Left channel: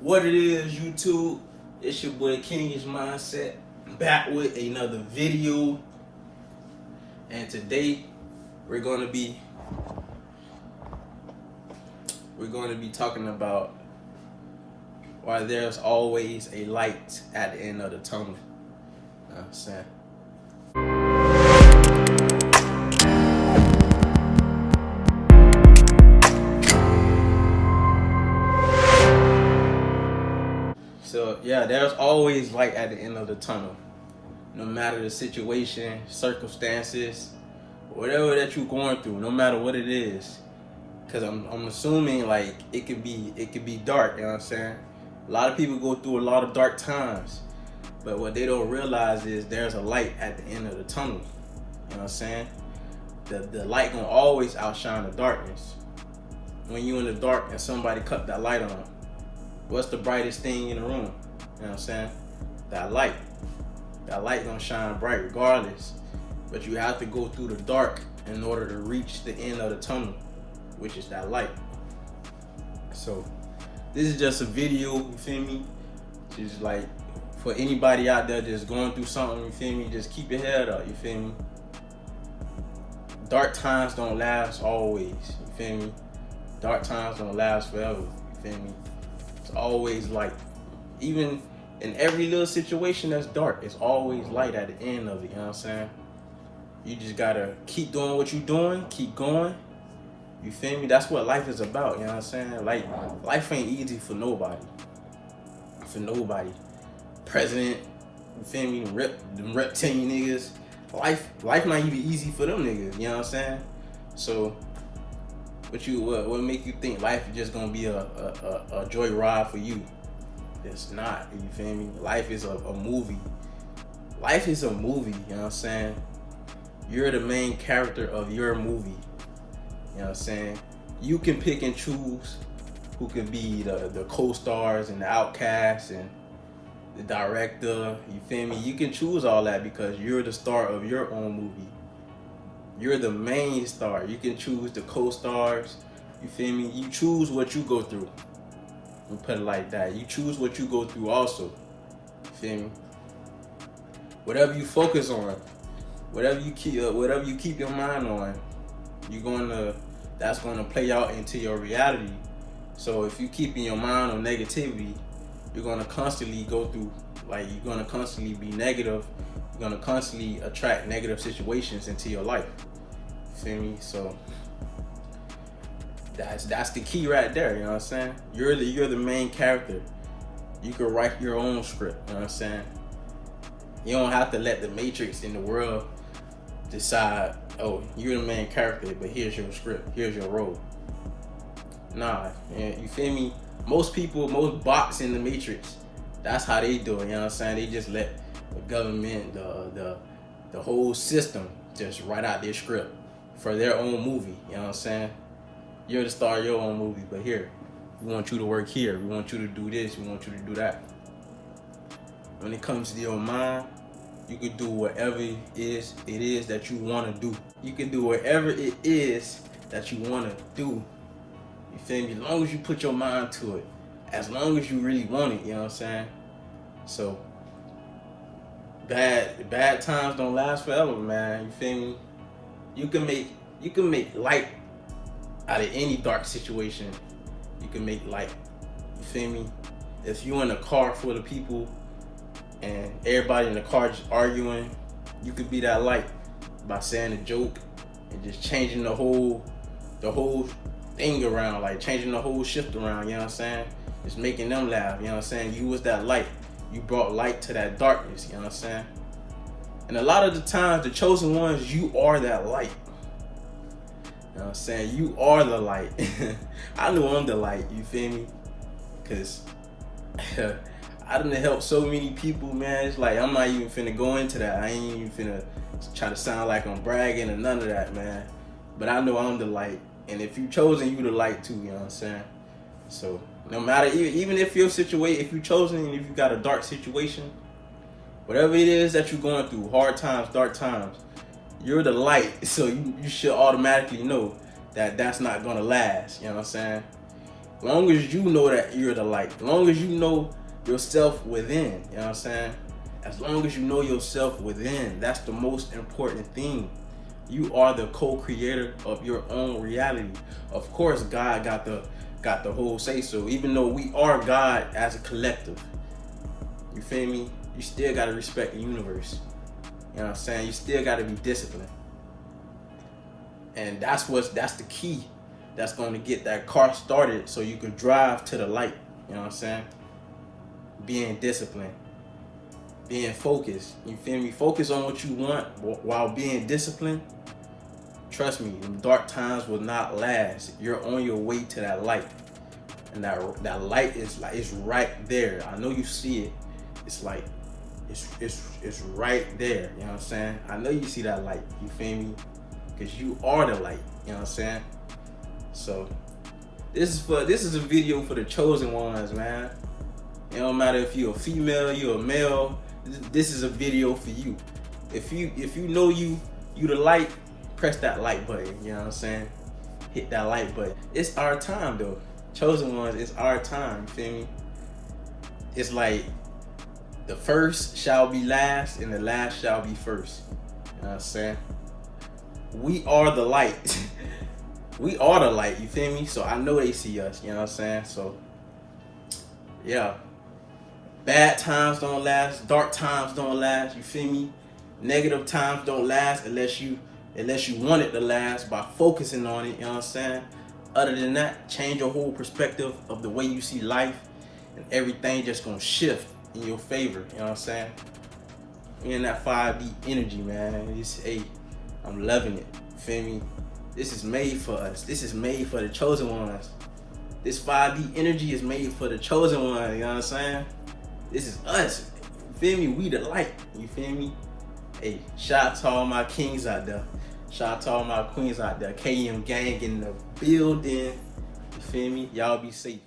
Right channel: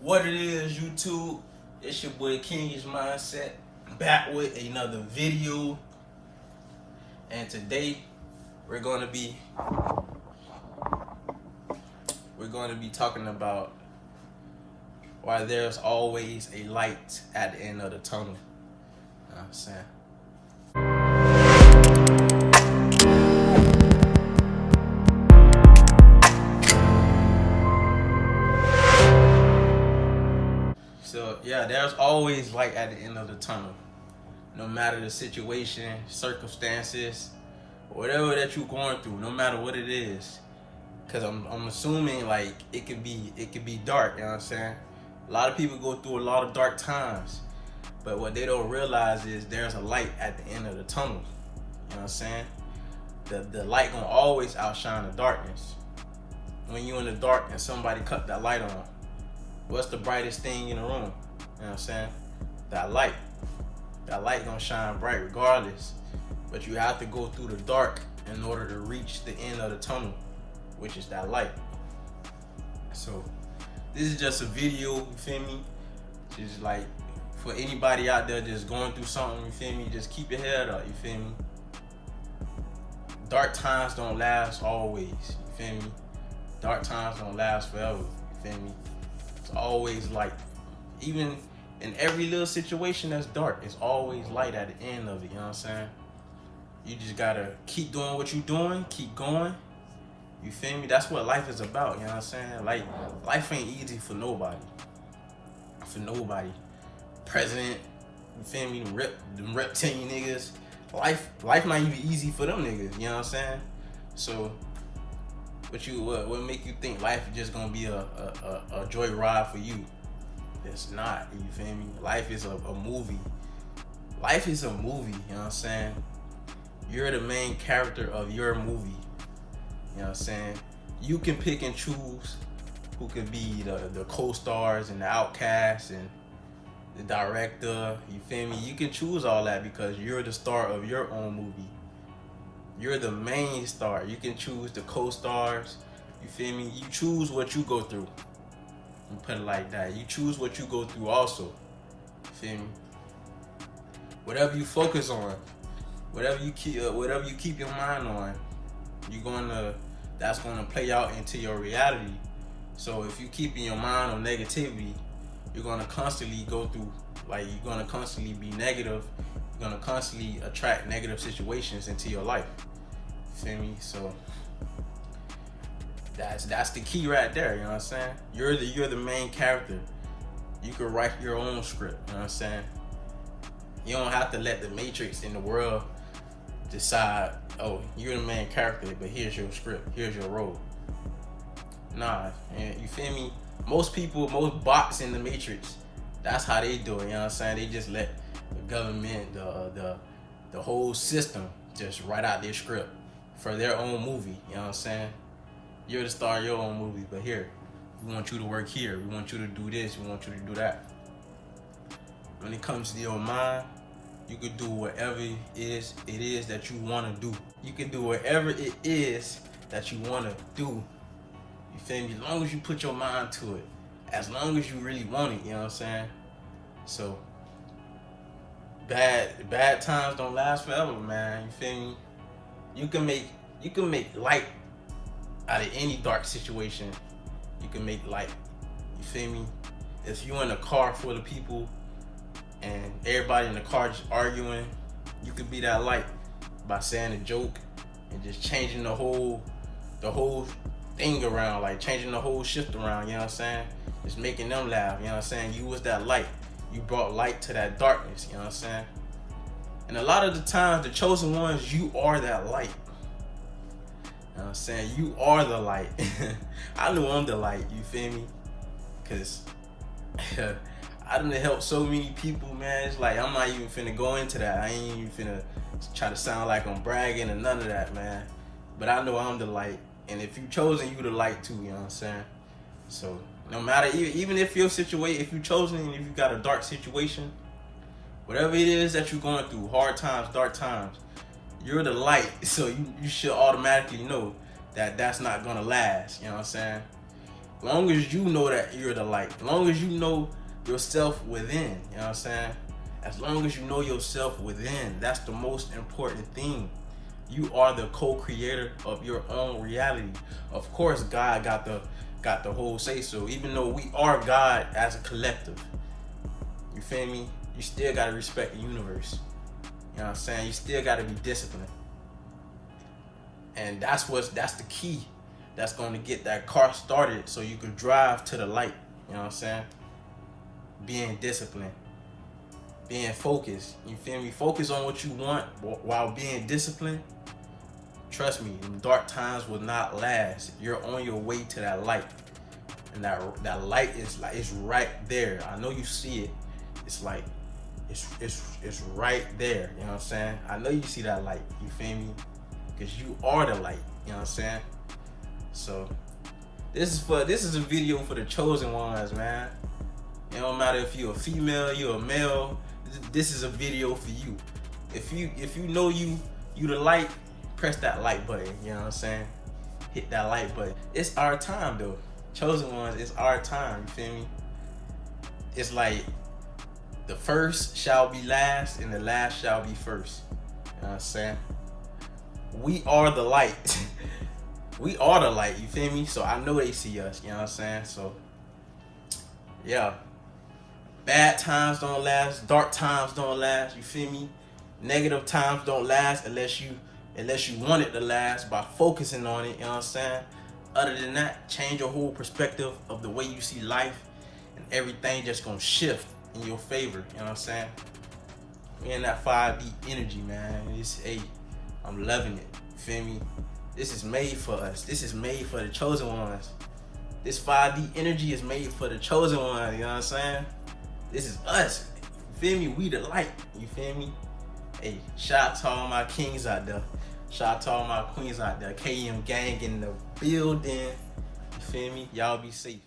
What it is, YouTube? It's your boy Kenny's Mindset, back with another video. And today we're gonna be talking about why there's always a light at the end of the tunnel. You know what I'm saying? So yeah, there's always light at the end of the tunnel. No matter the situation, circumstances, whatever that you're going through, no matter what it is. Cause I'm assuming like it could be dark, you know what I'm saying? A lot of people go through a lot of dark times, but what they don't realize is there's a light at the end of the tunnel. You know what I'm saying? The light gonna always outshine the darkness. When you in the dark and somebody cut that light on, what's the brightest thing in the room? You know what I'm saying? That light. That light gonna shine bright regardless. But you have to go through the dark in order to reach the end of the tunnel, which is that light. So this is just a video, you feel me? Just like for anybody out there that's going through something, you feel me? Just keep your head up, you feel me? Dark times don't last always, you feel me? Dark times don't last forever, you feel me? It's always light. Even in every little situation that's dark, it's always light at the end of it, you know what I'm saying? You just gotta keep doing what you're doing, keep going. You feel me? That's what life is about, you know what I'm saying? Like, life ain't easy for nobody. For nobody. President, you feel me? Them reptilian niggas. Life might be easy for them niggas, you know what I'm saying? So, what make you think life is just gonna be a joyride for you? It's not, you feel me? Life is a movie. Life is a movie, you know what I'm saying? You're the main character of your movie. You know what I'm saying? You can pick and choose who could be the co-stars and the outcasts and the director. You feel me? You can choose all that because you're the star of your own movie. You're the main star. You can choose the co-stars. You feel me? You choose what you go through. And put it like that. You choose what you go through also. You feel me? Whatever you focus on, whatever you keep your mind on, that's gonna play out into your reality. So if you keeping your mind on negativity, you're gonna constantly go through, like, you're gonna constantly be negative. You're gonna constantly attract negative situations into your life. You feel me? So that's the key right there. You know what I'm saying? You're the main character. You can write your own script. You know what I'm saying? You don't have to let the matrix in the world decide, oh, you're the main character, but here's your script, here's your role. Nah, you feel me? Most bots in the matrix, that's how they do it, you know what I'm saying? They just let the government, the whole system just write out their script for their own movie, you know what I'm saying? You're the star of your own movie, but here, we want you to work here, we want you to do this, we want you to do that. When it comes to your mind, you can do whatever it is that you want to do. You can do whatever it is that you want to do. You feel me? As long as you put your mind to it. As long as you really want it, you know what I'm saying? So, bad times don't last forever, man. You feel me? You can make light out of any dark situation. You can make light. You feel me? If you in a car full of people and everybody in the car just arguing, you could be that light by saying a joke and just changing the whole thing around, like changing the whole shift around, you know what I'm saying? Just making them laugh, you know what I'm saying? You was that light. You brought light to that darkness, you know what I'm saying? And a lot of the times, the chosen ones, you are that light. You know what I'm saying? You are the light. I know I'm the light, you feel me? Because I done helped so many people, man. It's like, I'm not even finna go into that. I ain't even finna try to sound like I'm bragging or none of that, man. But I know I'm the light. And if you chosen, you the light too, you know what I'm saying? So no matter, even if your situation, if you chosen and if you got a dark situation, whatever it is that you're going through, hard times, dark times, you're the light. So you should automatically know that that's not gonna last, you know what I'm saying? Long as you know that you're the light. Long as you know yourself within. You know what I'm saying? As long as you know yourself within, that's the most important thing. You are the co-creator of your own reality. Of course, God got the whole say so. Even though we are God as a collective, you feel me? You still gotta respect the universe. You know what I'm saying? You still gotta be disciplined. And that's the key. That's gonna get that car started so you can drive to the light. You know what I'm saying? Being disciplined. Being focused. You feel me? Focus on what you want while being disciplined. Trust me, dark times will not last. You're on your way to that light. And that light is like, it's right there. I know you see it. It's like, it's right there. You know what I'm saying? I know you see that light. You feel me? Because you are the light. You know what I'm saying? So this is a video for the chosen ones, man. It don't matter if you're a female, you're a male. This is a video for you. If you know you the light, press that like button. You know what I'm saying? Hit that like button. It's our time though. Chosen ones, it's our time. You feel me? It's like the first shall be last and the last shall be first. You know what I'm saying? We are the light. We are the light, you feel me? So I know they see us, you know what I'm saying? So, yeah. Bad times don't last, dark times don't last, you feel me? Negative times don't last unless you want it to last by focusing on it, you know what I'm saying? Other than that, change your whole perspective of the way you see life and everything just gonna shift in your favor, you know what I'm saying? We're in that 5D energy, man. I'm loving it, you feel me? This is made for us. This is made for the chosen ones. This 5D energy is made for the chosen ones, you know what I'm saying? This is us. You feel me? We the light. You feel me? Hey, shout out to all my kings out there. Shout out to all my queens out there. KM gang in the building. You feel me? Y'all be safe.